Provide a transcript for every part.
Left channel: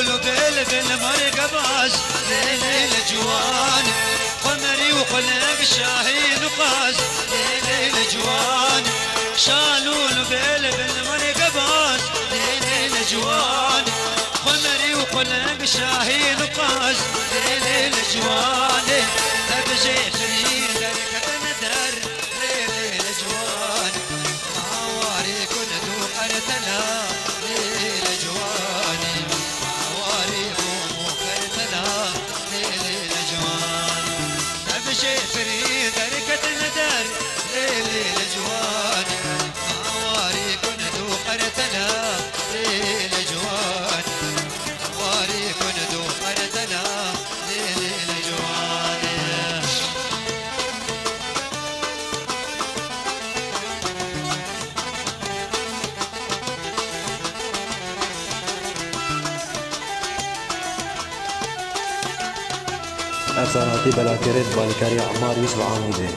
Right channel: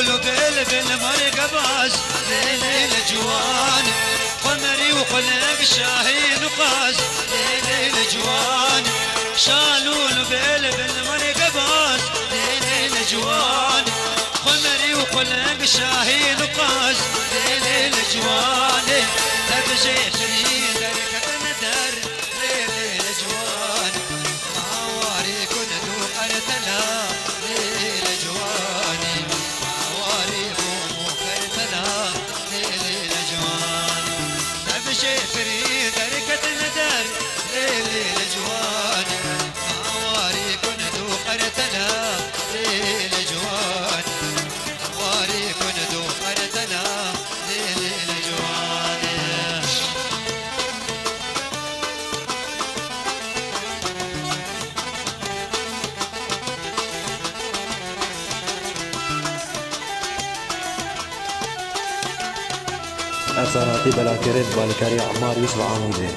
شالول بالمرق باز ليل الجوان قمري وخلق شاهين وقاز ليل الجوان شالول بالمرق باز ليل الجوان قمري وخلق شاهين وقاز ليل الجوان تبجي فريد ركبنا در ليل الجوان معواري كن ذوقرتنا ليل الجوان معواري ومخرتنا ليل الجوان تبجي فريد ركبنا در ليل الجوان معواري كن ذوقرتنا ليل الجوان معواري كن ذوقرتنا ليل الجوان افساناتی بلاکرین بالکاری عمار یوسف عاموزی.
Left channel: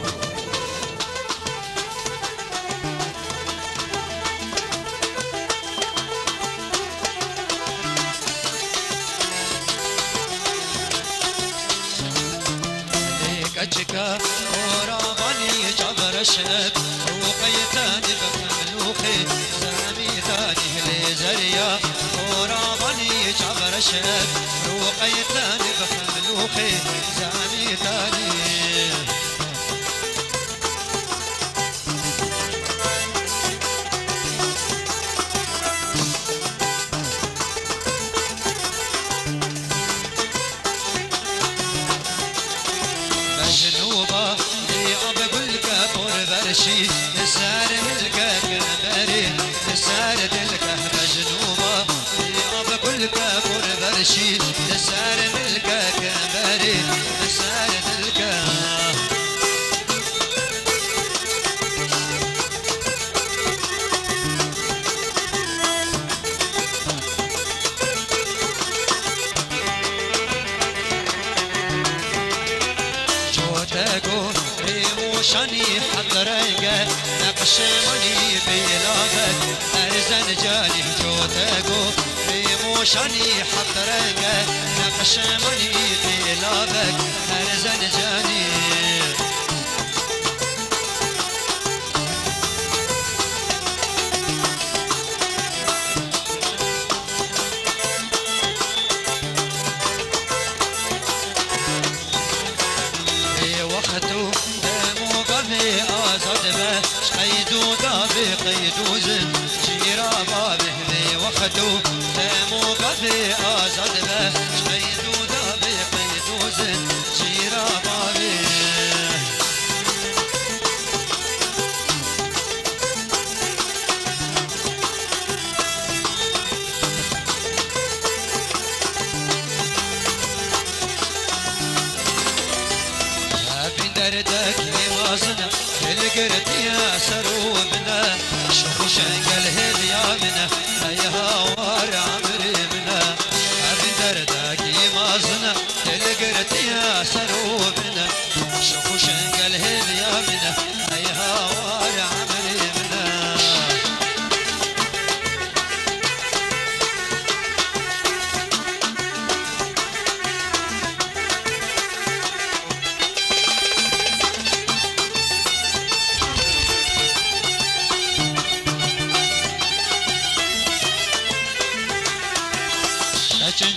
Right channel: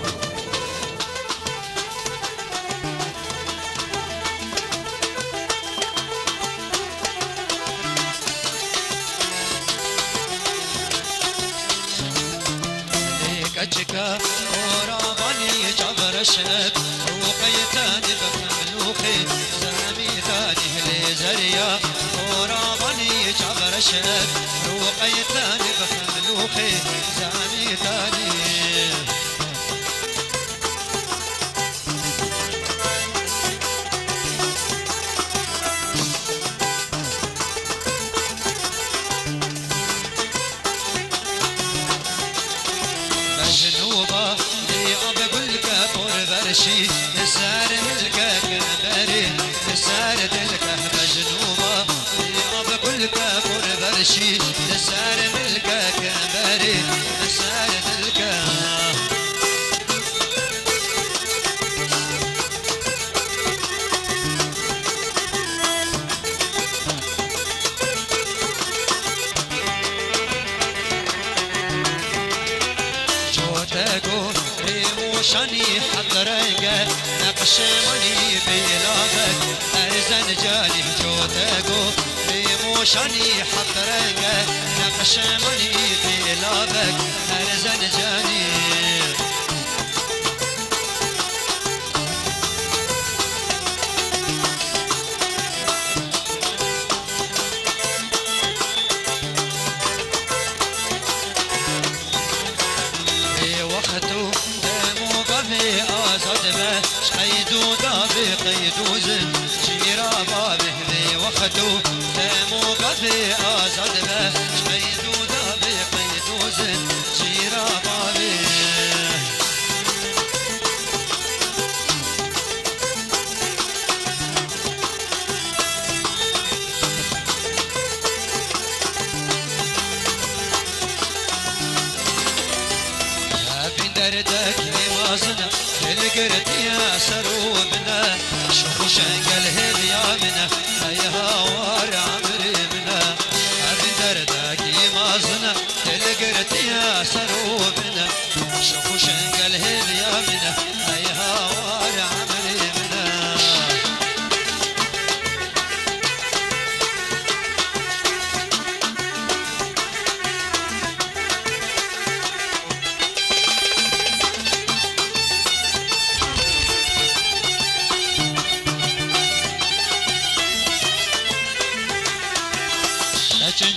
كتك ورابني جبر الشك وقيتاني بملوخي زامي ثاني لزريا ورابني جبر الشك وقيتاني بملوخي زامي ثاني نسار ملكك بري نسار دلكه مجنوبة أبا كل كافر برشي نسار ملكك بري نسار دلكه شاني حضرك نقش مني بلادك أرزن جاني جوتكو شاني حضرك نقش مني بلادك أرزن جاني قيدو دابي قيدو زن شيرا بابه ذي وقتو دمو قفي آزاد به قيدو دابي قيدو زن شيرا بابه دردك لوازنا القرد يا شروبنا شوفوا شنقل هذيا منا هيها وار عمري منا ابي دردك لوازنا القرد يا شروبنا شوفوا شنقل هذيا منا هيها وار عمري منا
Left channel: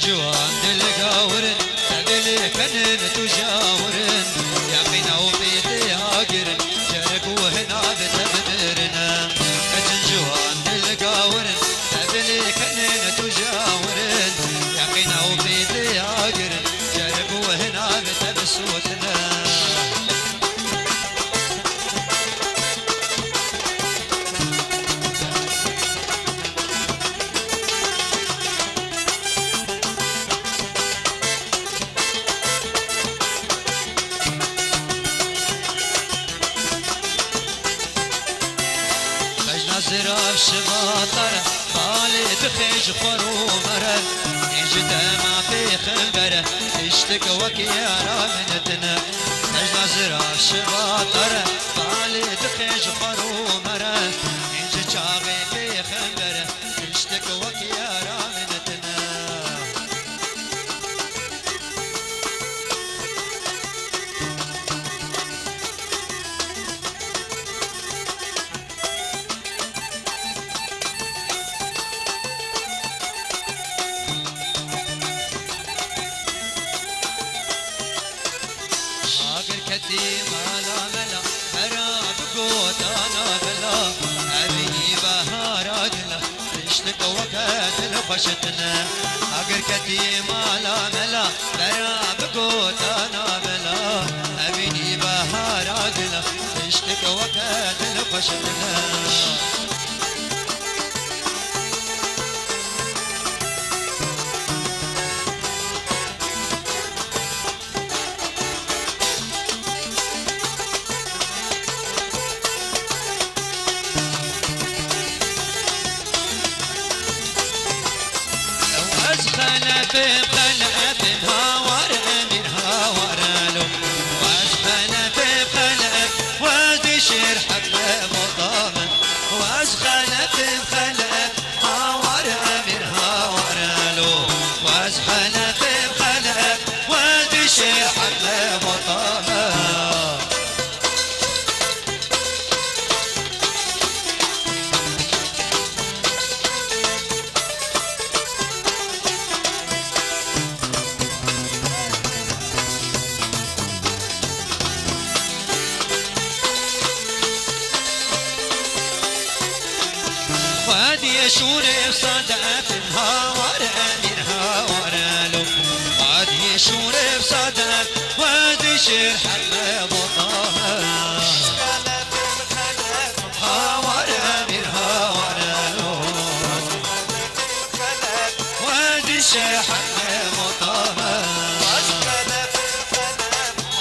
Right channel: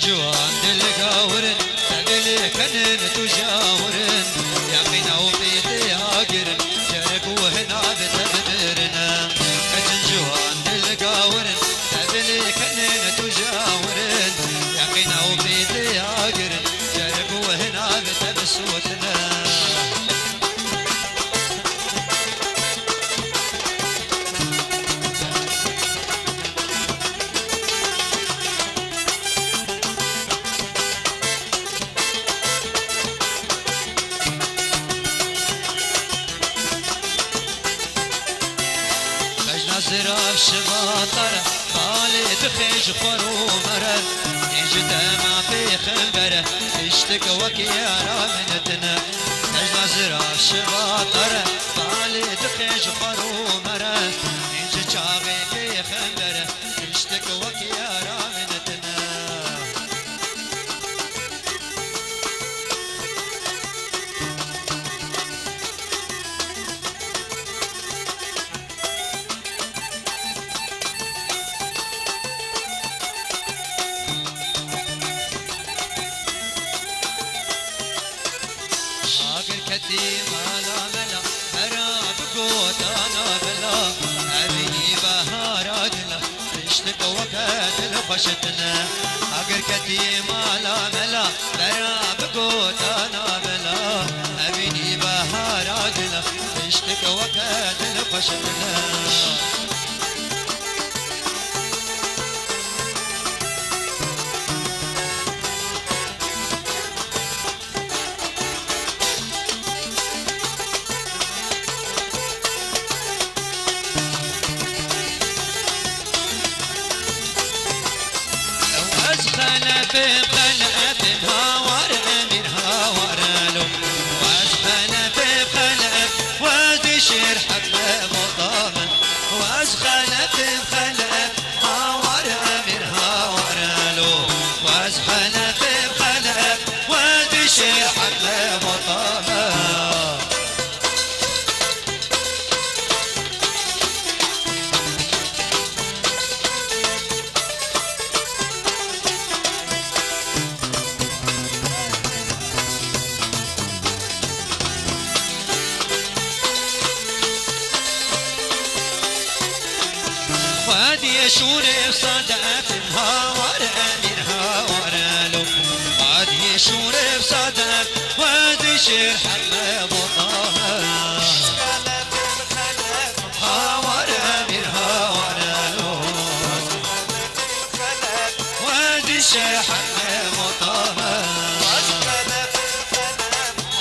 جوان دلقاورن تقلي كنن تجاورن يقينا وبيتي عاقرن جرق وهنا بتبدرنا كجن جوان دلقاورن تقلي كنن تجاورن يقينا وبيتي عاقرن جرق وهنا بتبسوتنا زراف شباطر بالي بخيش خرو مرة نجد ما في خنبرة اشتك وكيارا منتنا نجد زراف شباطر بالي بخيش خرو مرة نجد شاغي في خنبرة اشتك وكيارا منتنا كتي مالا ملا هراب قوت انا بلا هذه بهاراتنا عشتك وقت الخشتنا اقر كتي مالا ملا هراب قوت انا بلا هذه بهاراتنا عشتك وقت الخشتنا بقلب هاور منها ورالو وازخنا بقلب وازشر حق مطامن وازخنا بقلب هاور منها ورالو وازخنا بقلب وازشر حق مطامن شوري صدقت الهوار منها ورالو وادي شوري صدقت وادي شير حل بطاها هوار منها ورالو وادي شير حل بطاها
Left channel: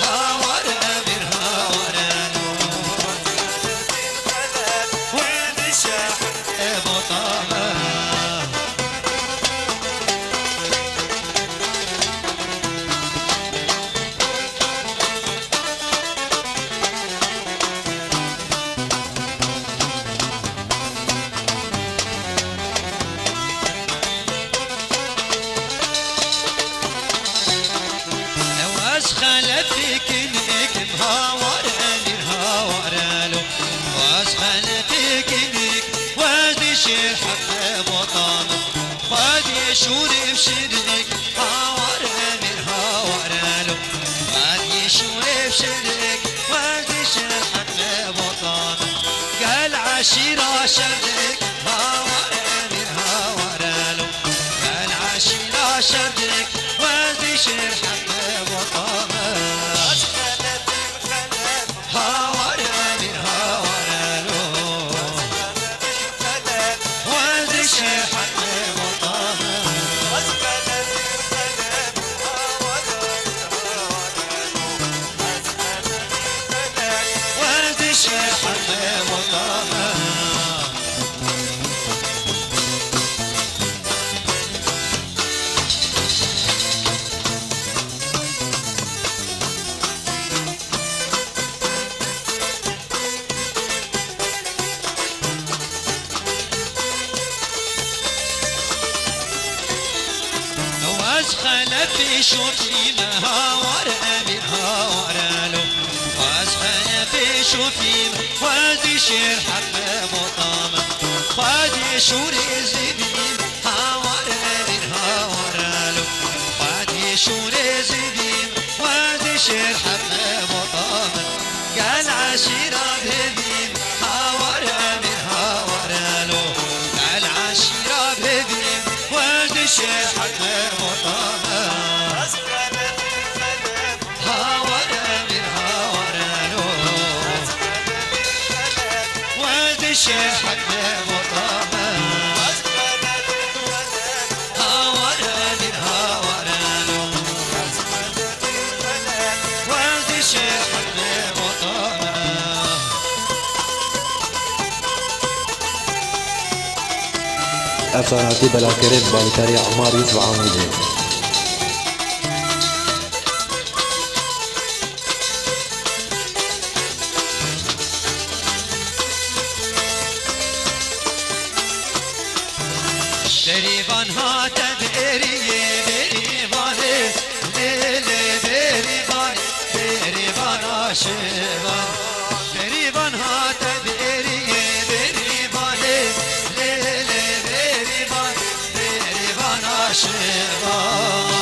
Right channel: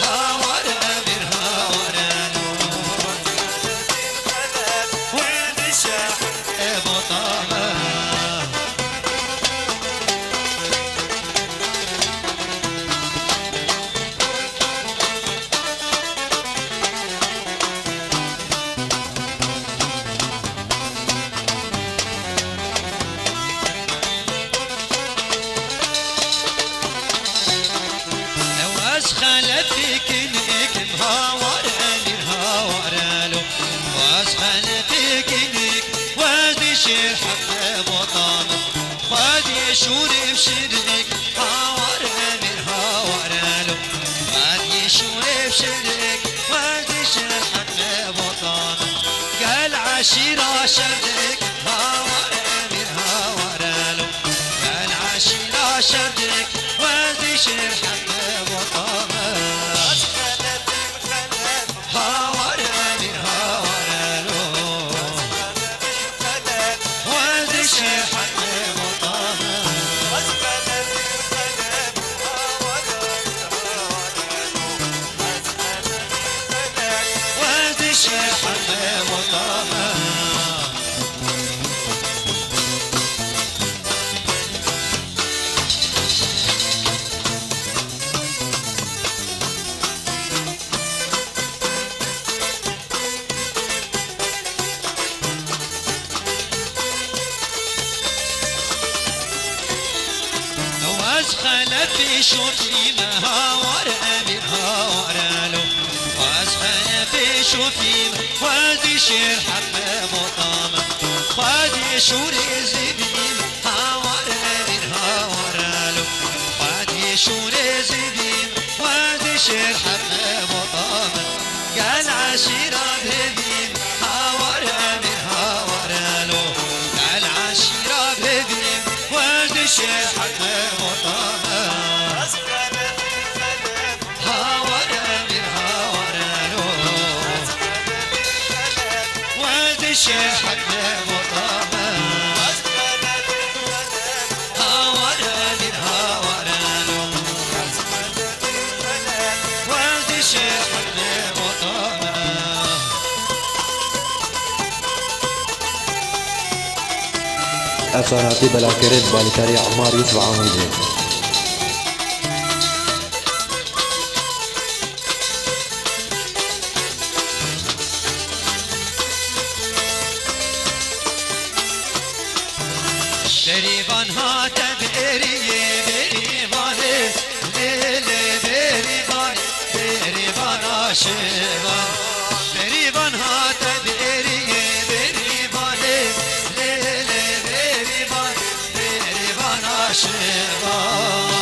هوار منها ورالو وادي شير حل بطاها خلتك انك مهاور الهاور له واسخلتك انك وادي شير حق بطانه وادي شوري بشرك هاور الهاور له وادي شوري بشرك وادي شير حق بطانه قال عشيرة شردك هاور الهاور له قال عشيرة شردك وادي شير حق بطانه هاور الهاور له وادي شير حق بطانه وادي شير حق بطانه واسخلت في شوفي مهاور منها ورالو واسخلت في شوفي وادي شير حق بطامه وادي شوري زبيل هاور منها ورالو وادي شوري زبيل وادي شير حق بطامه قال عشيرة بهبيل هاور منها ورالو قال عشيرة بهبيل وادي شير حق بطامه هاور منها ورالو وادي شير حق بطامه هاور منها ورالو وادي شير حق بطامه افساناتی بلاکرد بالکاری عمار یوسف عاموزی دريبان هات بإريه دريبانه ليلة دريبان دريبان عاشقان دريبان هات بإريه دريبانه ليلة دريبان دريبان عاشقان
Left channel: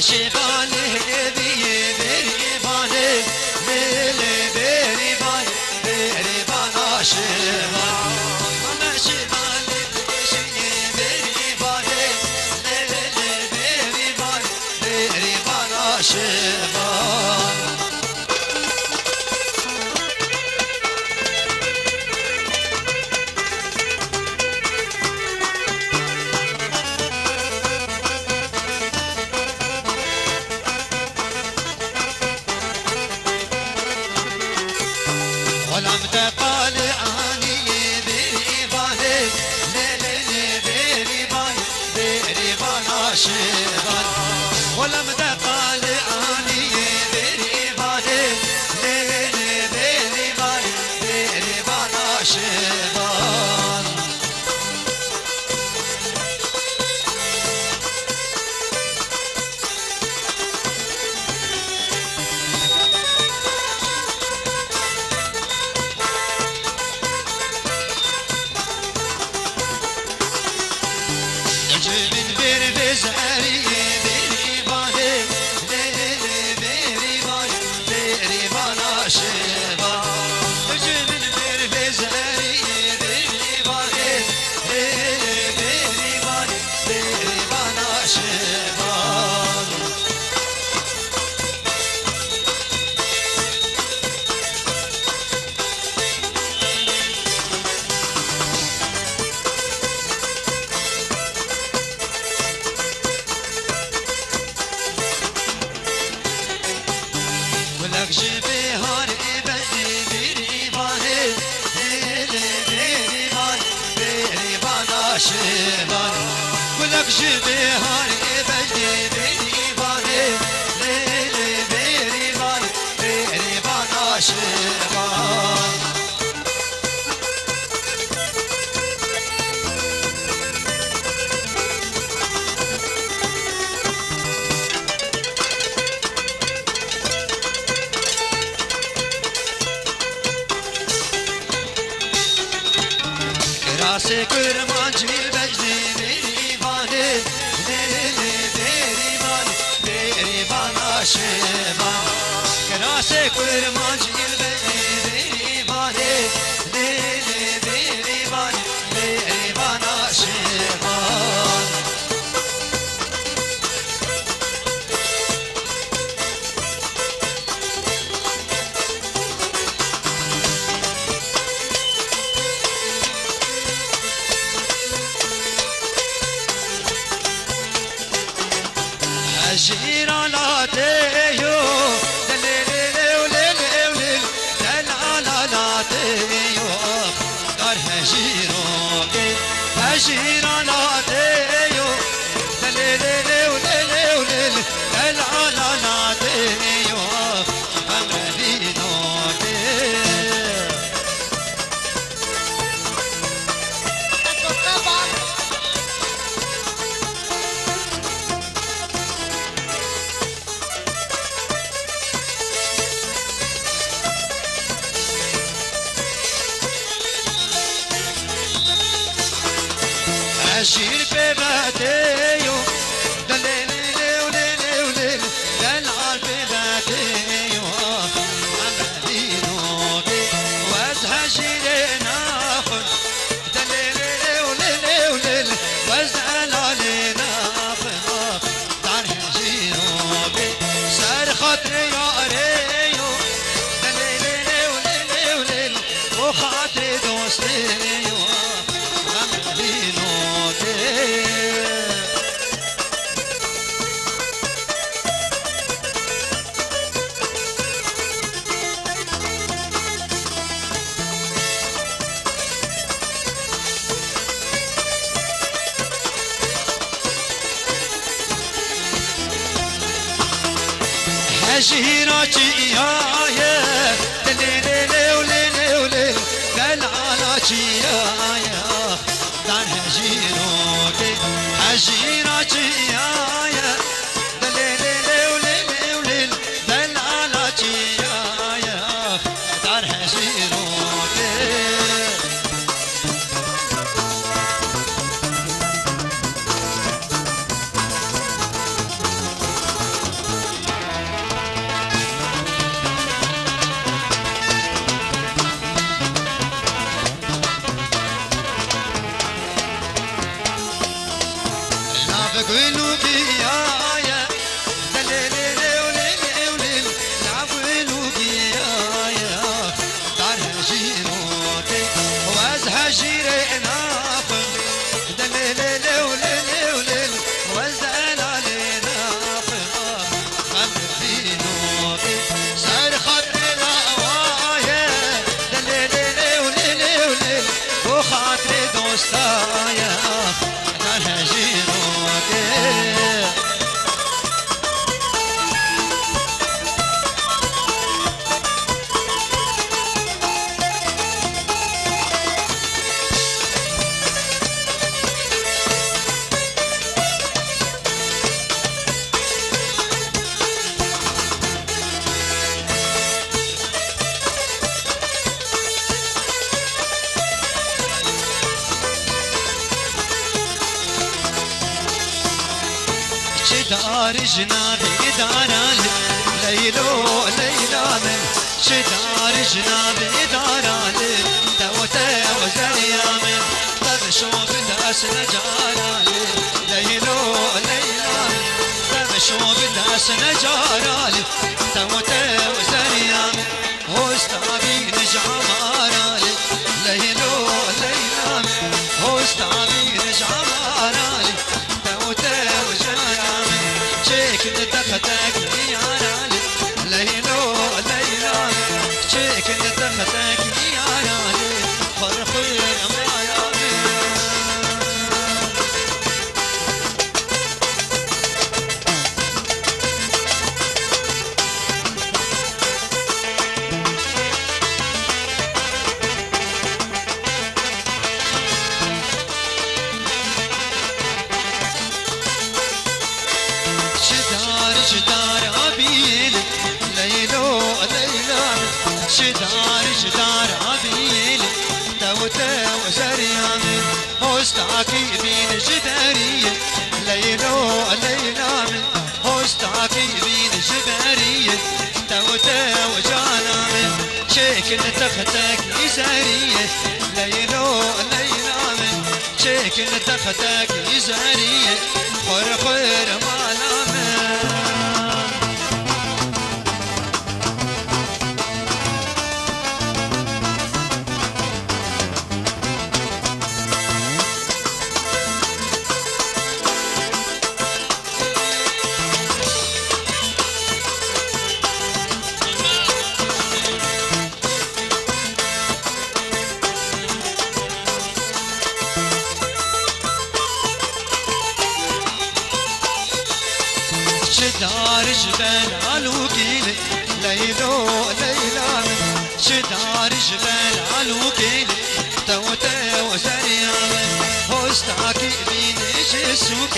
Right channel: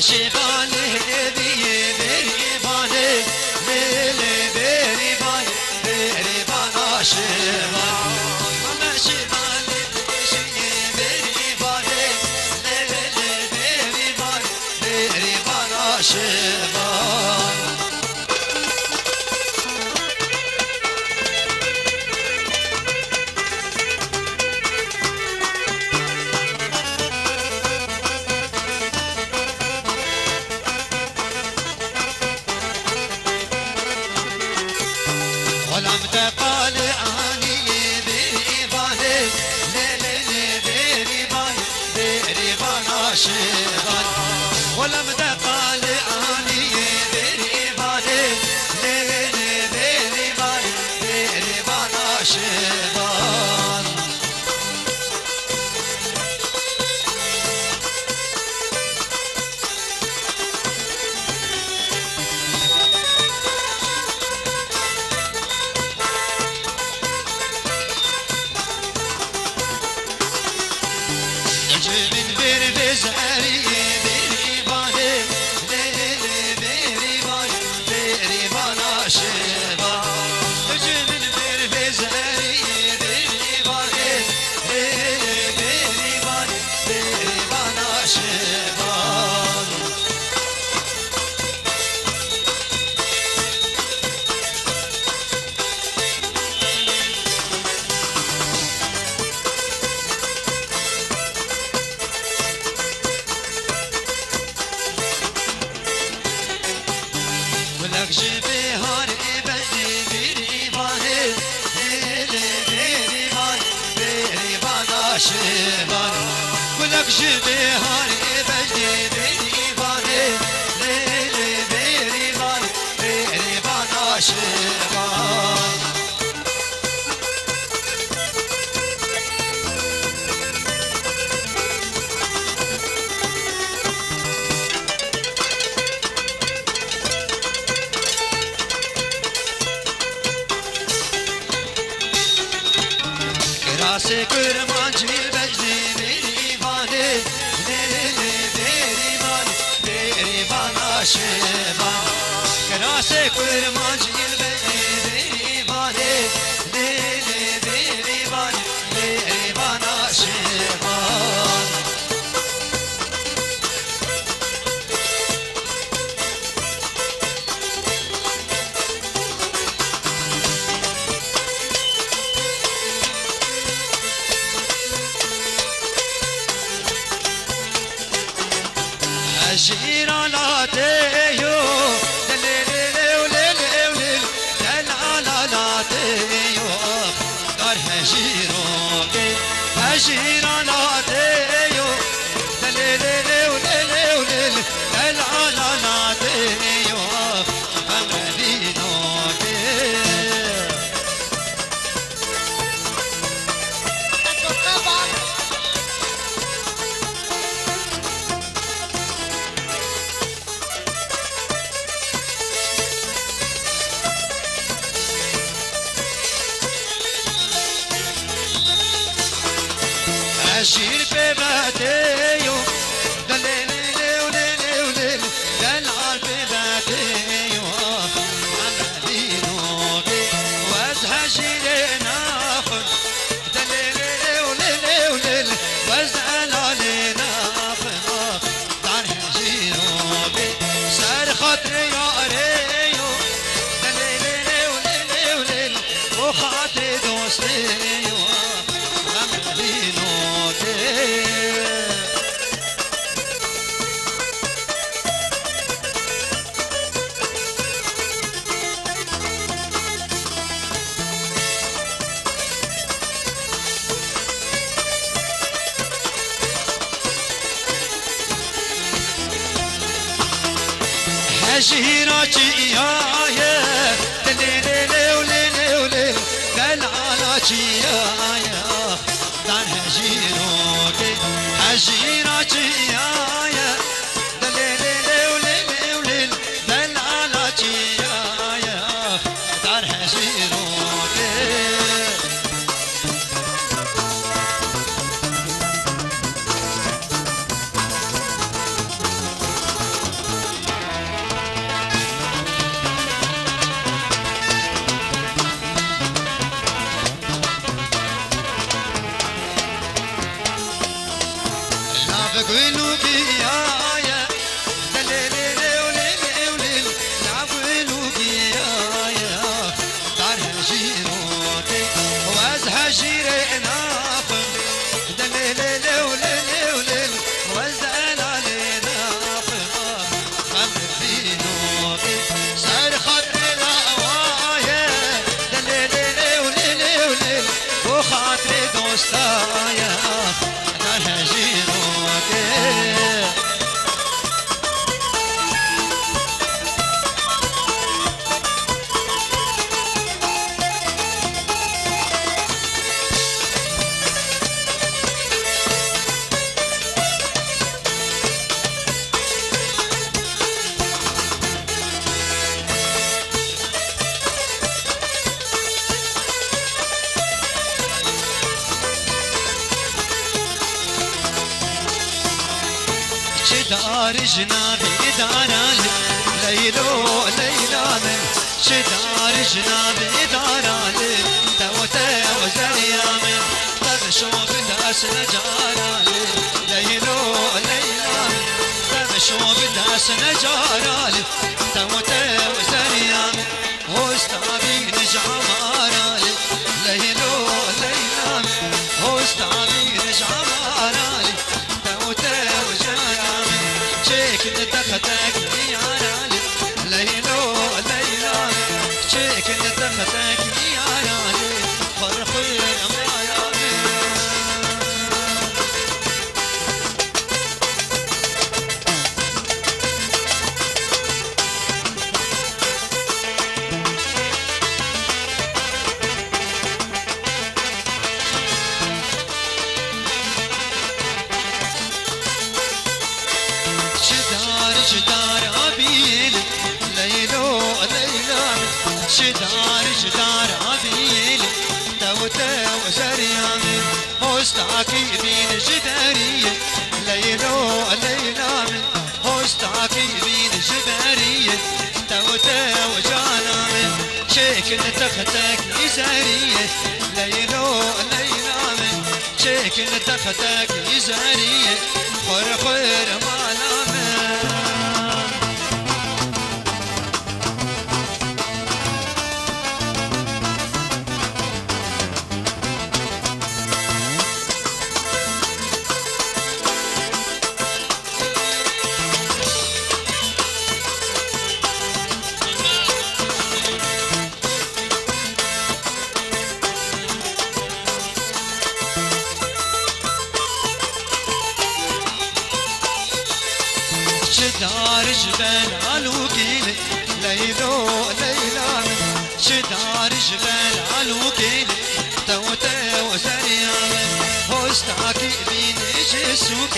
شبانه بيري بانه بيري بانه بيري بانه شبانه شبانه بيري بانه بيري بانه بيري بانه شبانه ولم تقال عني بريباني ليلي بريباني بريبانا شبان ولم تقال عني بريباني ليلي بريباني بريبانا شبان ولك جلبي هاري بدي بيري باني بيري باني بيري بانا شبان ولك جلبي هاري بدي بيري باني بيري باني بيري بانا شبان راسي كرمانجي بجدي بيري باني بيري باني بيري بانا شبان راسي كرمانجي بجدي بيري باني بيري باني بيري بانا شبان جيراناتيو دليلي وليلي وليل دلالاتيو دار هجيروكي هجيراناتيو دليلي وليلي وليل دلالاتيو غمرينوكي عشير بباتيو دليلي وليلي وليل دلعال بباتيو عمالينوكي وازهجيلي ناخد دليلي وليلي وليل وازهلالي ناخد دارهجينوكي سار خاطري يا ريو دليلي وليلي وليل وخاطري دوستيو هجيراتي يا دليلي وليلي وليل دلعالاتي يا دان هجيروكي هجيراتي يا دليلي وليلي وليل دلعالاتي يا دان هجيروكي بقولوا بيايا دليلي وليلي وليلي نعبلوا بيايا دار جيروتي وازها جيري ناقم دليلي وليلي وليلي وازنا لي ناقم خلفي نوتي سار خاطري وايا دليلي وليلي وليلي وخاطري دوستايا دار جيروتي شدار جنابي داران ليلو ليلان شدار جنابي داران توتا وزريان تغشو بداس نجاران ليلو ليلان تغشو بداس نجاران توتا وزريان وستابي نجعماران ليلو ليلان وستابي نجعماران توتا وزريان شكل تختك ياراني ليلو ليلان شكل تختك ياراني فرق الأماراني شدار عبيل ليلو ليلان شدار عبيل توتا وزريان هوستاكي بين جدارية ليلو ليلان هوستاكي بين جدارية توتا وجانان شكل تختك إزارية ليلو ليلان شكل تختك إزارية خير مالامه شدار جبال علوكين ليلو ليلان شدار جبال علوكين توتا وزريان هوستاكي بين جسوك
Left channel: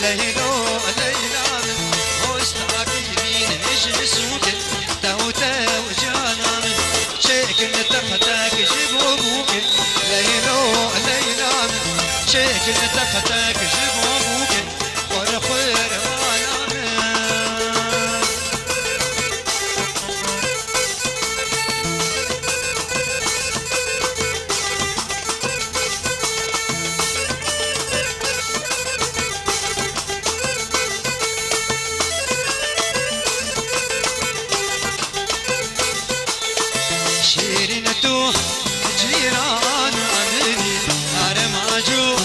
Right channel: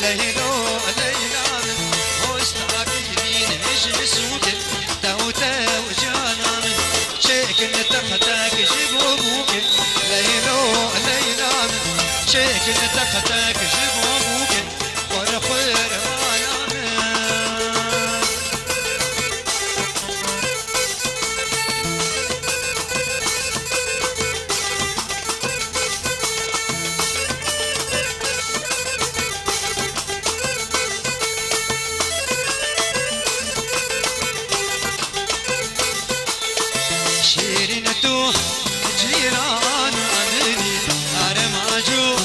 ليلو ليلان هوستاكي بين جسوك توتا وجانان شكل تختك جبوبوك ليلو ليلان شكل تختك جبوبوك ورخير شيرينتو جيران عندي أرماجو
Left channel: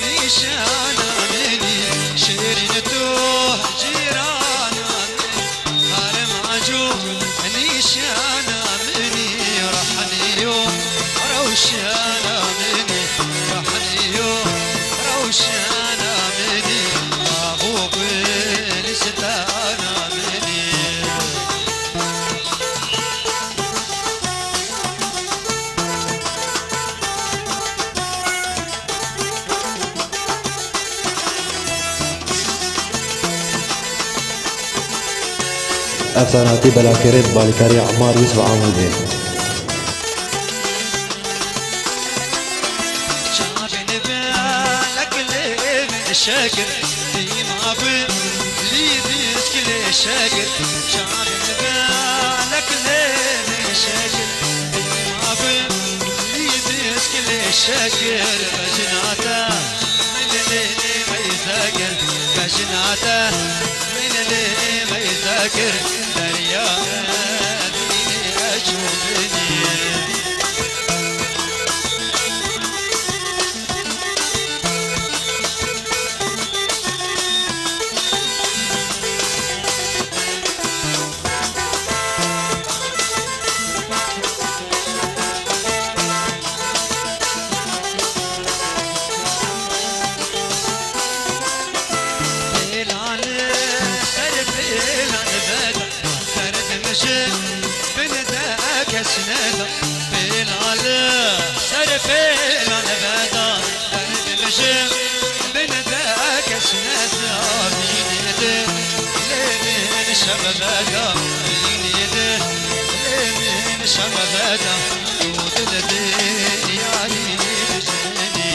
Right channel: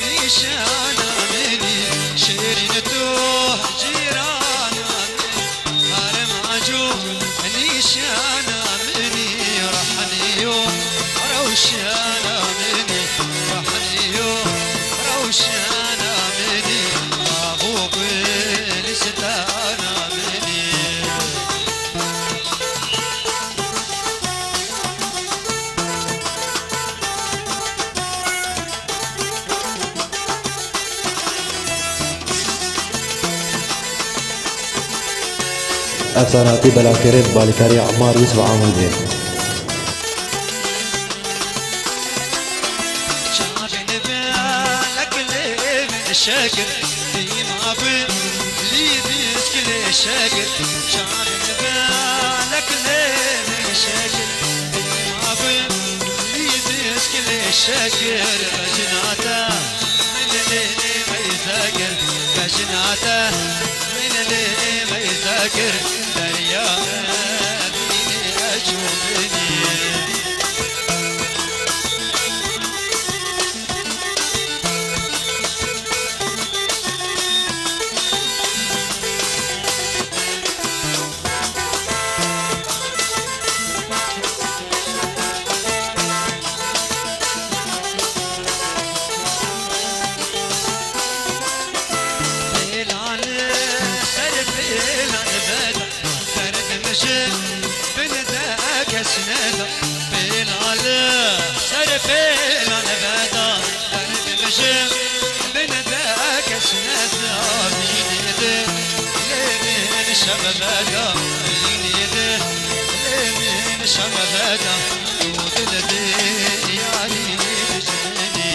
نيشان عندي شيرينتو جيران عندي أرماجو نيشان عندي رحنيو روشان عندي رحنيو روشان عندي أبوك نستان عندي أفساناتي بلاكريت بالكاري عمار يوسف عامل زين شاكر ما بلي بيسكلي شاكر شعر بالك ليه شاكر ما بلي بيسكلي شاكر بجناتا من اللي ما يذاكر حياته من اللي ما يذاكر دريا ديني أشوفني بين على سرفين على بدا درد مشي بين ذاك سنة لين شبابك لين شبابك ودلدي يعني بجني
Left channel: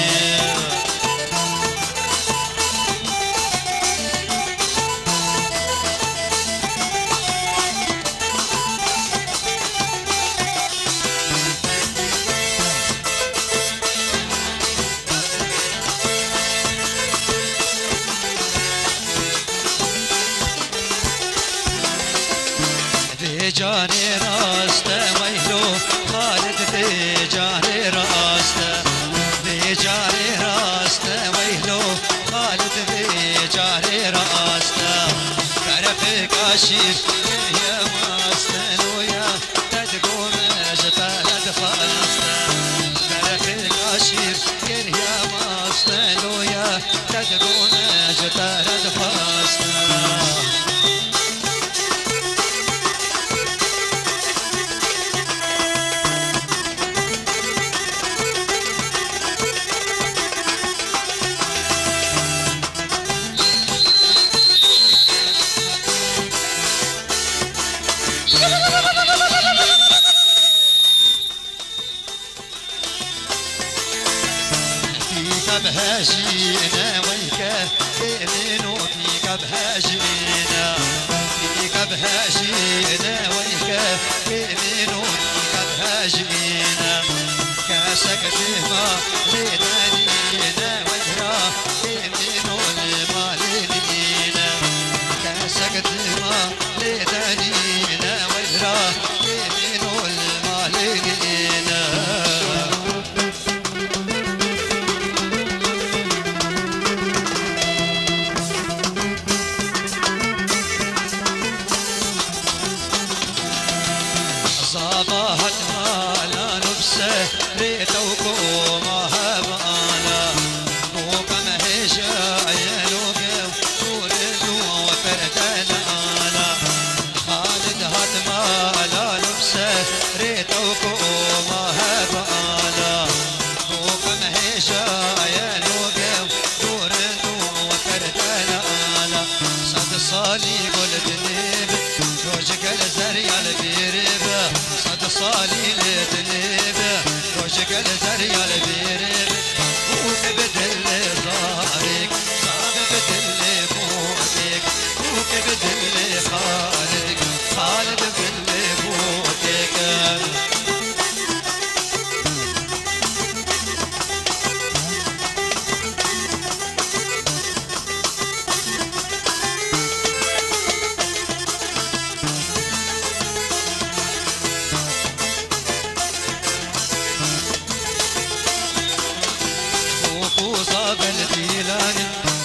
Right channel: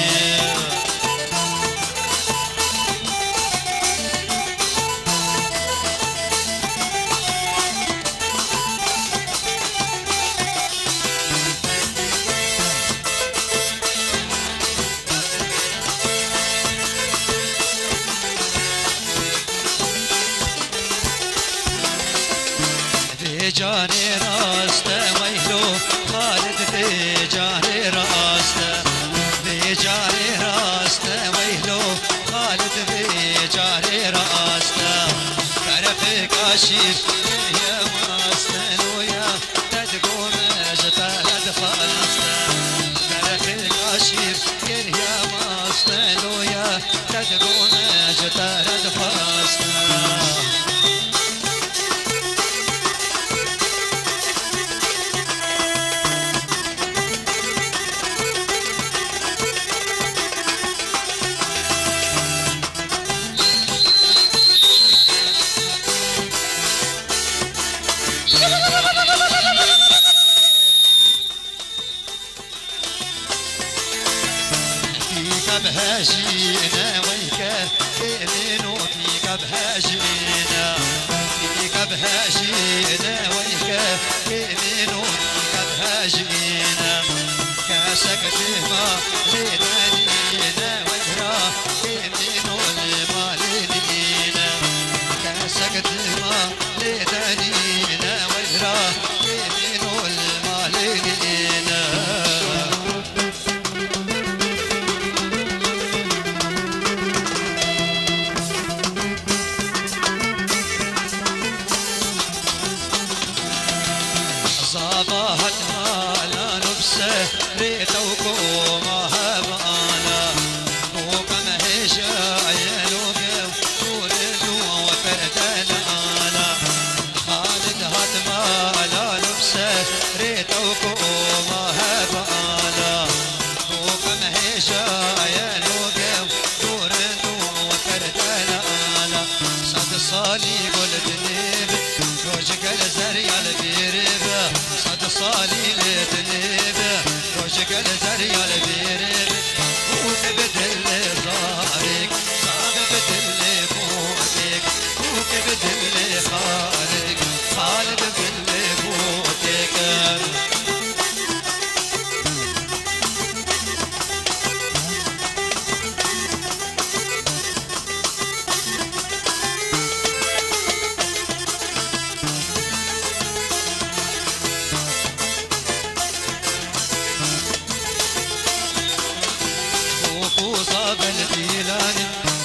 جاني راسته ويلو خالد بجاني راسته بجاني راسته ويلو خالد بجاني راسته تعرف كاشف يا ماسته ويا تدقوم زتالد فاسته تعرف كاشف يا ماسته ويا تدقوم زتالد فاسته بهاجينا ويك كينو فيك بهاجينا فيك بهاجينا ويك كينو فيك بهاجينا كاسك ديما ليلانينا ويرا كينو المالينا كاسك ديما ليلانينا ويرا كينو المالينا صباحت مالا نفسه ريتوكو مهبانا وكم هجايا لوكو وردو وفردانا خالد هات مالا نفسه ريتوكو مهبانا وكم هجايا لوكو وردو وفردانا صد صالي قلت نيب روجك الزريع البيرب صد صالي لتنيب روجك الزريع البيرب وكبدل ظهرك صاب بدل فوقك وكبدل خالك خالد بدل فوقك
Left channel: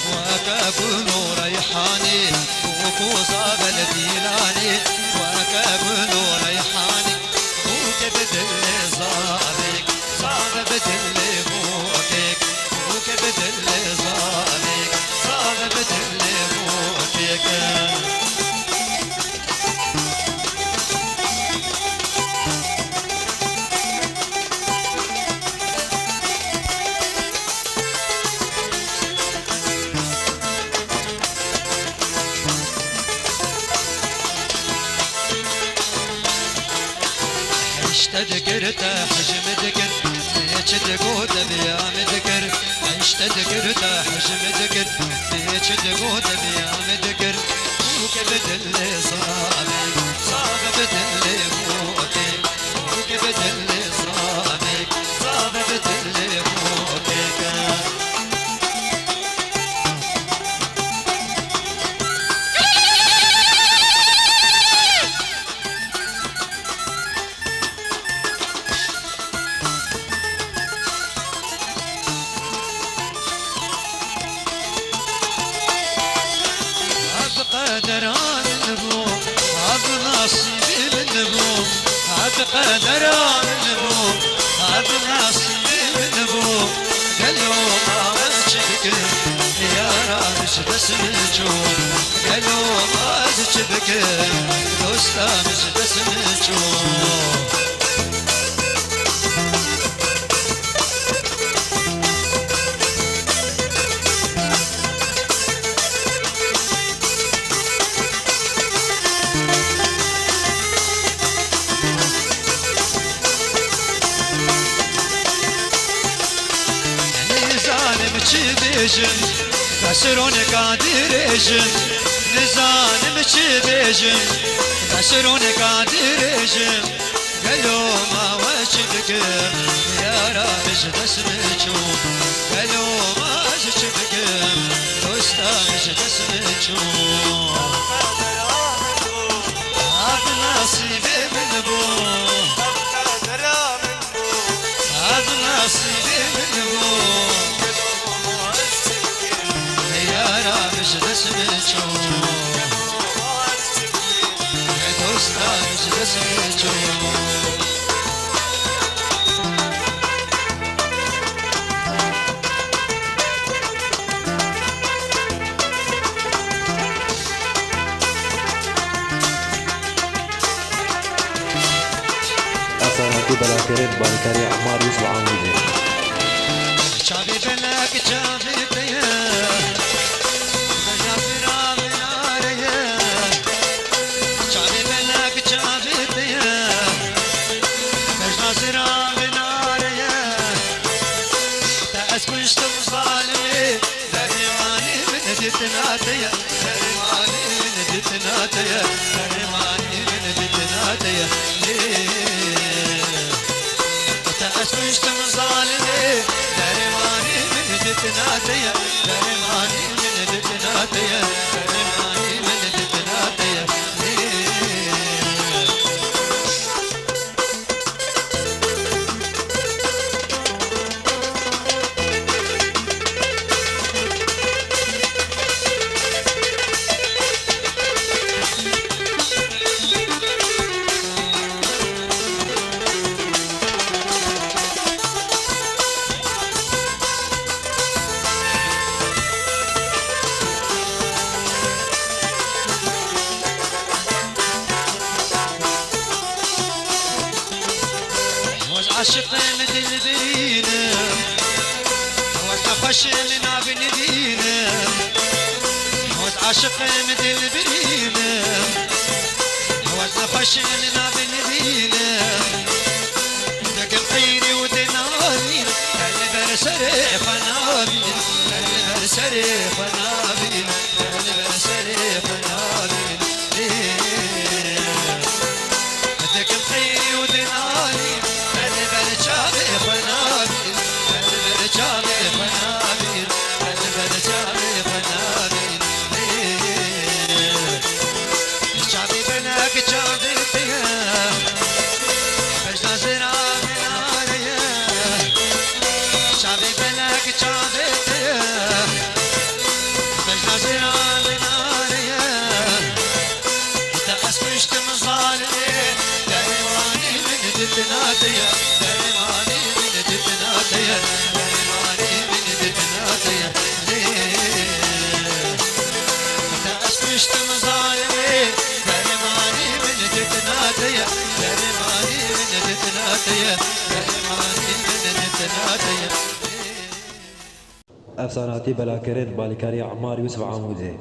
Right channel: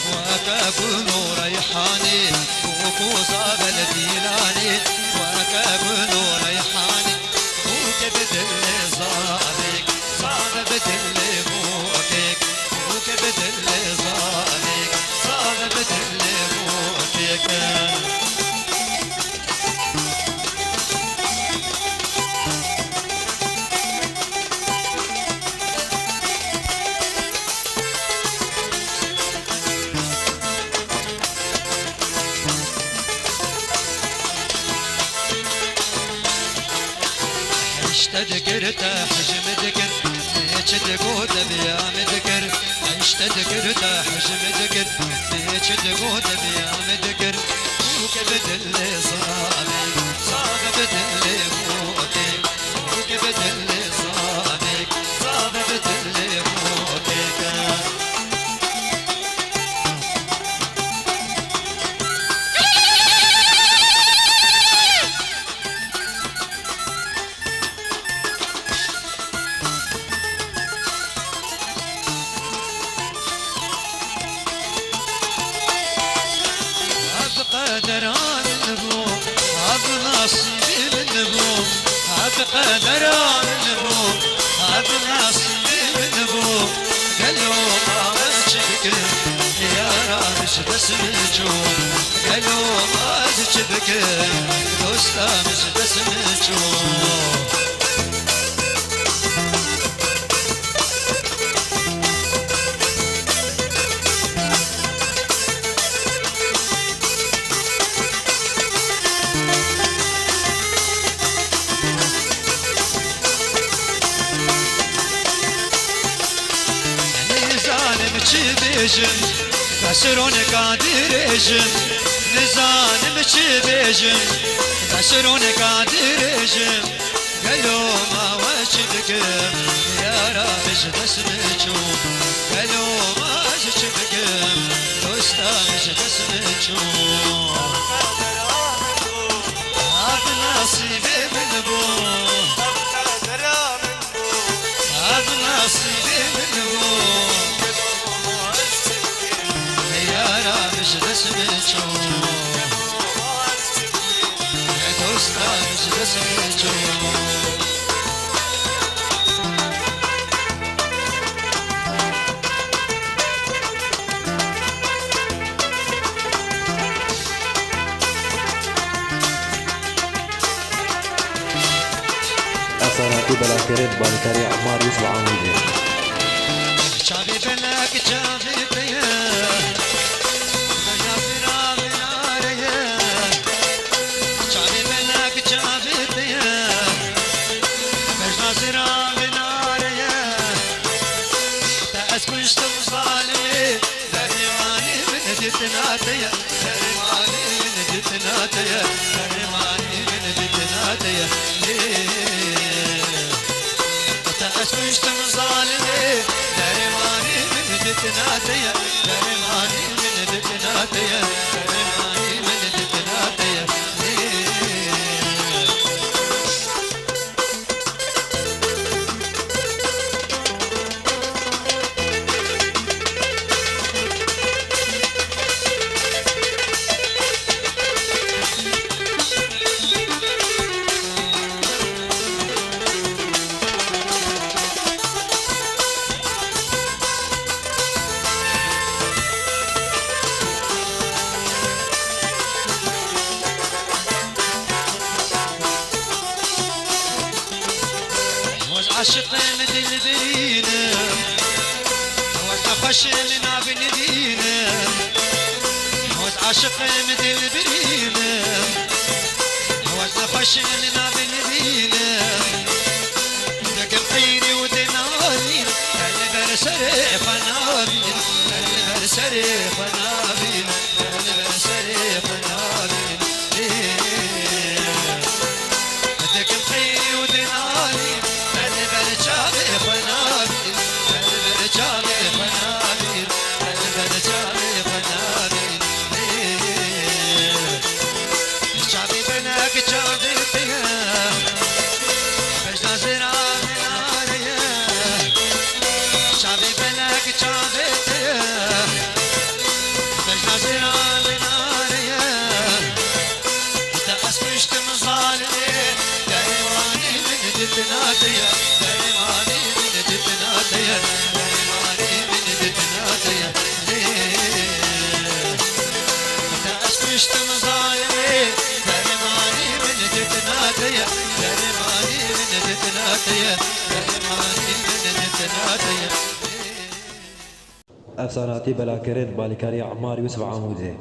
وكابلو ريحاني وكوزاب الديلاني وكابلو ريحاني وكبدل صادق صاب بدل فوقك وكبدل صادق صاب بدل فوقك ذكرت حجم ذكر بيت تقود بيام ذكر عشت ذكرت حجم ذكر بيت تقود بيام ذكر وكبدل صادق صاب بدل فوقك وكبدل صادق صاب بدل فوقك درا من بو هذا نصيبي من بو قالوا ما وجهك يا رامش بس نجوم قالوا ما وجهك دوستامس بس نجوم بيجن بشرون قادريجن نزانم چي بيجن بشرون قادريجن قالوا ما وجدك يا رامش بس نجوم قالوا ما وجدك دوستامش بس نجوم هذا نصيبي من بو هذا نصيبي من بو أفساناتي بلاكرين بالكاري عمار يوسف عامل شعبي بلاك شعبي بيا تناتيا درماني من تناتيا درماني من تناتيا تأسست مظالمي درماني من تناتيا درماني من تناتيا درماني من تناتيا عاشق من البرينة وتخش من عبنبينة عاشق من البرينة وتخش من عبنبينة ذاك خيري ودناري البرسري فنابين البرسري فنابين البرسري فنابين ذاك خيري ودناري تناتيا درماني من تناتيا درماني من تناتيا تأسست مظالمي درماني من تناتيا درماني من تناتيا درماني من تناتيا أفساناتي بلاكرين بالكاري عمار يوسف عامل